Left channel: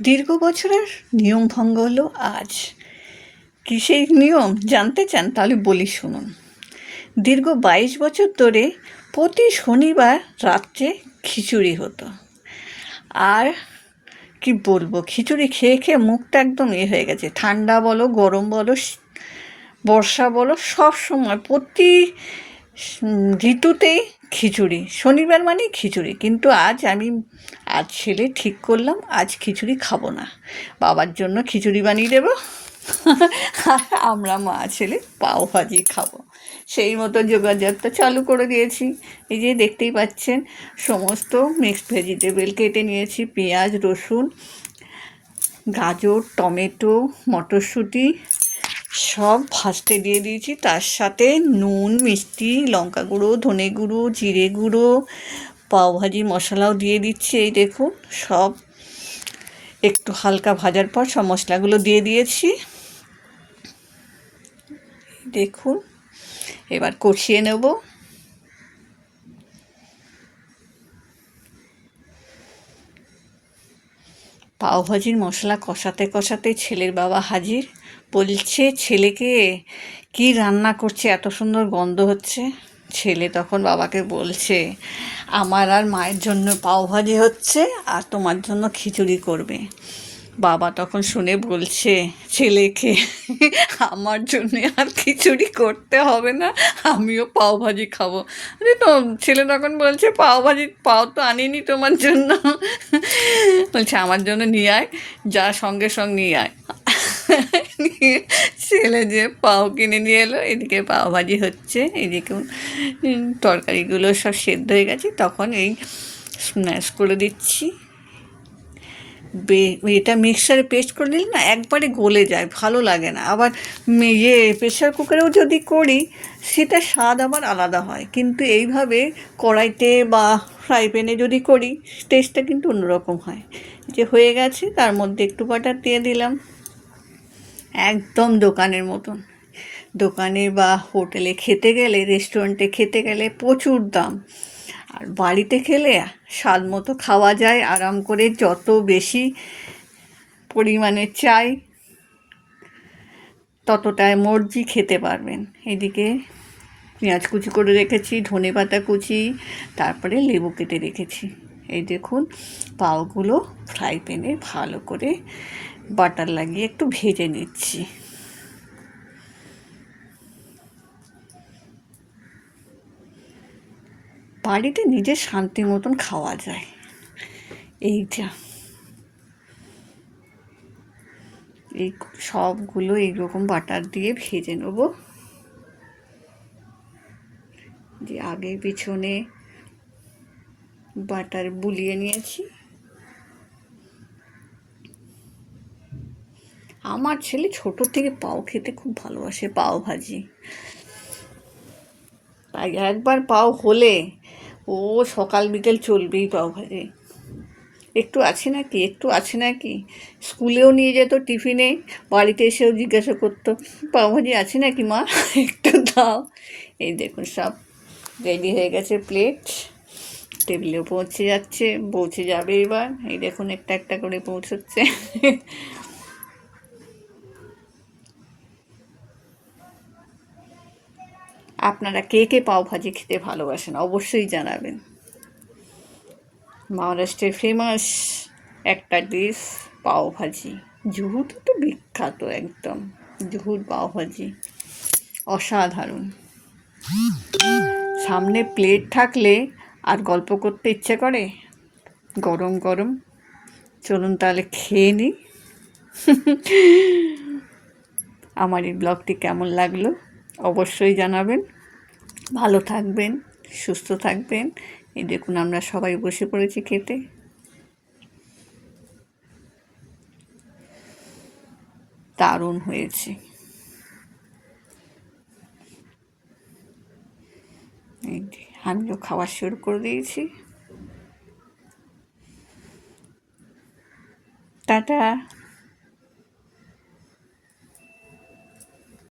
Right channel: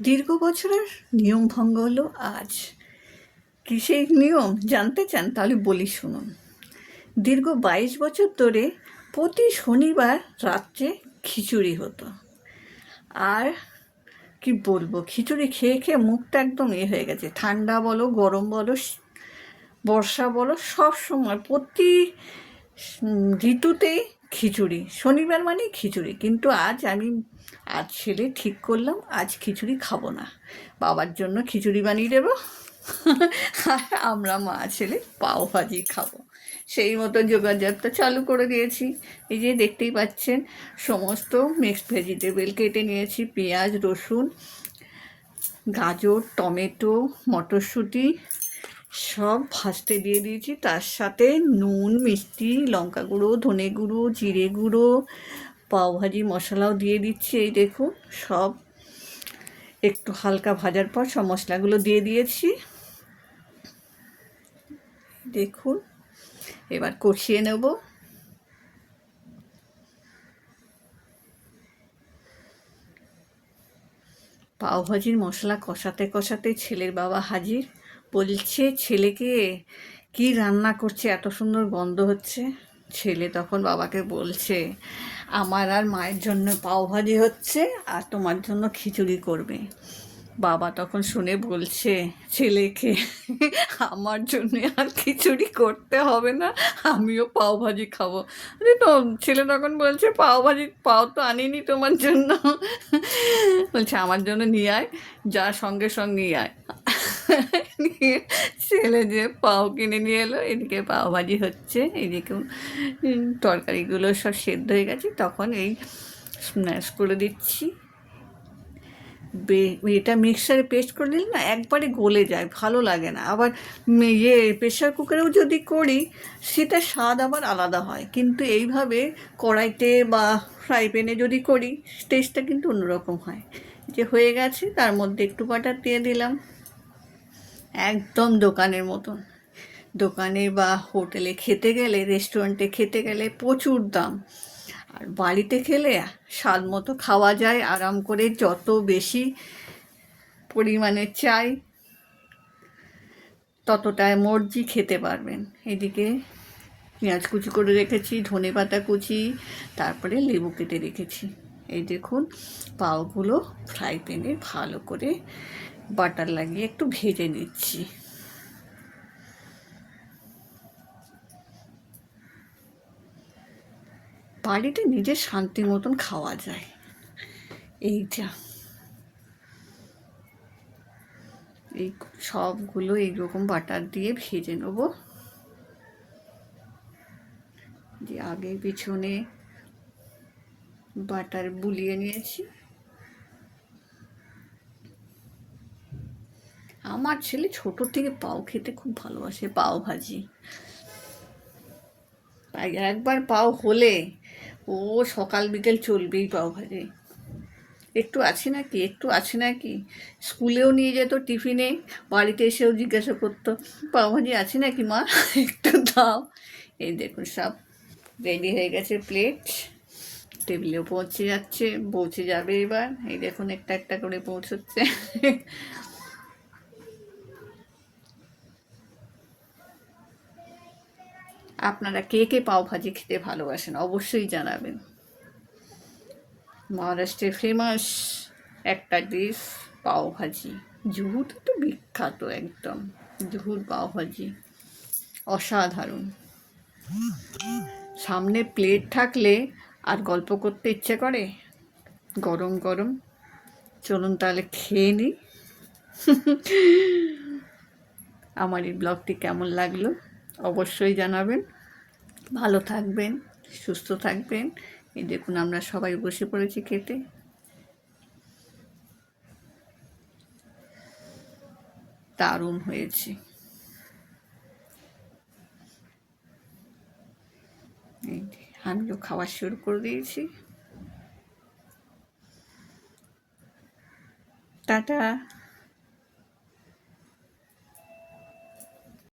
দীর্ঘ বছরের নিয়ম ভঙ্গ হলো আজ। কী সেই নিয়ম জানতে চান? তাহলে বলি শুনুন। দীর্ঘ 22 বছর ধরে প্রতি শনিবার রাত্রে খিচুড়ি হতো। আর কি বলবো, খিচুড়ি খেয়ে খেয়ে মুখটা একদম হয়ে গেছে। ঠান্ডা বলো, গরম বলো, বর্ষা বলো, সব সময় প্রতি ঋতুতেই খিচুড়ি। শনিবার মানেই খিচুড়ি। কিন্তু আজ ছেলে ঠিক করলাম আজ খিচুড়ি খাবো না, বাবার জন্য খিচুড়ি বানিয়ে দেবো, আর আমরা মা ছেলে পাও ভাজি খাবো। সেই মতো যোগাযোগটা চালু করে দিয়েছি। এই যে দেখতেই পাচ্ছেন, সমস্ত মিক্সড ভেজিটেবল কেটে নিয়েছি। পেঁয়াজ, রসুন, গাজর, টমেটো, মটরশুঁটি সব ভাজতে দিয়ে দিয়েছি। তার সাথে নুন, মিষ্টি, লঙ্কা গুঁড়ো, ধনে গুঁড়ো, জিরে গুঁড়ো, পাওভাজি মশলাও দিয়ে দিচ্ছি। এই দেখুন, সব একটু হালকা ভাজার পর সব মশলাগুলো দিয়ে দিয়েছি। দেখুন, এবার কষিয়ে নেব। পাওভাজির মশলা কষাতে কষাতে ছেলের বাবা হাজির। বলছে ছেলেকে, কি রান্না করছে, এত সুন্দর গন্ধ হচ্ছে। ছেলে তখন বাবাকে বলছে, আমার আর মায়ের জন্য পাওভাজি হচ্ছে, আর তোমার জন্য খিচুড়ি করবে। বাবা তখন শুনে বলছে ছেলেকে, আমার জন্যে আর খিচুড়ি করতে হবে না, আমিও পাওভাজি খাবো। তো ছেলে তখন বলছে, পাও তো আনিনি তোমার জন্য। বলছে আমার জন্য নিয়ে আয়, যা সঙ্গে সঙ্গে নিয়ে আয়। ছেলে যে পাও কিনে নিয়ে এলো। এদিকে পাওভাজি হচ্ছে, এদিকে তরকারিগুলো সব সেদ্ধ হয়ে গেছে। তখন এই স্ম্যাশ করে দিচ্ছি। এটা মিক্সারে পেস্ট করে দিলে না একবারে গলে যায়, ভালো লাগে না। আবার প্রেশার কুকারেও যদি করি সেটা স্বাদ আবার আলাদা হয়, কিন্তু এইভাবে কড়াইতে বা ফ্রাই প্যানে যদি করি টেস্টটা কিন্তু অন্যরকম হয়। যে হয়ে গেছে, তার মধ্যে একটু বাটার দিয়ে দিলাম, একদম দোকানের মতন। দোকানে বা হোটেলে খেতে গেলে, রেস্টুরেন্টে খেতে গেলে প্রচুর দাম, আর বাড়িতে খেলে স্বাদ মতো খাওয়া যায় আরাম করে। যত বেশি পরিমাণে চাই ততটায় মর্জি খেতে পারবেন। এদিকে পেঁয়াজ কুচি করে রেখেছি, ধনেপাতা কুচি, তারপরে লেবু কেটে রেখেছি। এই দেখুন, পাওগুলো ফ্রাই প্যানে ভালো করে বাটার লাগিয়ে একটু ভেজে নিচ্ছি। বাড়িতে নিজের শান্তি মতন খাওয়া যায়। এইটা এই সবগুলো এইরকম বাটার দিয়ে ভেজে নেব। যে আগে পিছনে বাটার বুলিয়ে নিয়েছি। আমার ছেলে ছোট থেকে পাও খেতে খুব ভালোবাসে, পাও ভাজি। তাই একবার পাও হলে ও সকাল বিকেল চলবেই পাও ভাজি। একটু আছে নাকি, একটু আছে নাকি, স্কুলেও নিয়ে যেত টিফিনে, বাড়িতে এসেও জিজ্ঞাসা করতো, পাওভাজি আছে নাকি মা, একটু দাও। এই দেখুন, সব রেডি হয়ে গেছে, প্লেট টেবিলেও পৌঁছে যাবে এবার। এই দেখুন, একটা একটা করে পৌঁছচ্ছে। আপনারা কে কে পাওভাজি খেতে ভালোবাসেন অবশ্যই জানাবেন। মহারাষ্ট্রের ফেমাস একটা ডিশ পাওভাজি। জুহুতে তো বিখ্যাত একদম, জুহুর পাওভাজি অসাধারণ। সামনে প্লেট থাকলে আর গল্প করতে ইচ্ছে করে, গরম গরম। চলুন তাহলে খেয়ে নিই। আমার এই ব্লগটি কেমন লাগলো অবশ্যই জানাবেন। ভালো থাকবেন, সুস্থ থাকবেন। এই দেখুন, আমরা সবাই বসে পড়েছি খেতে। দারুণ হয়েছে। আমিও খাওয়া শুরু করে দিয়েছি। টাটা।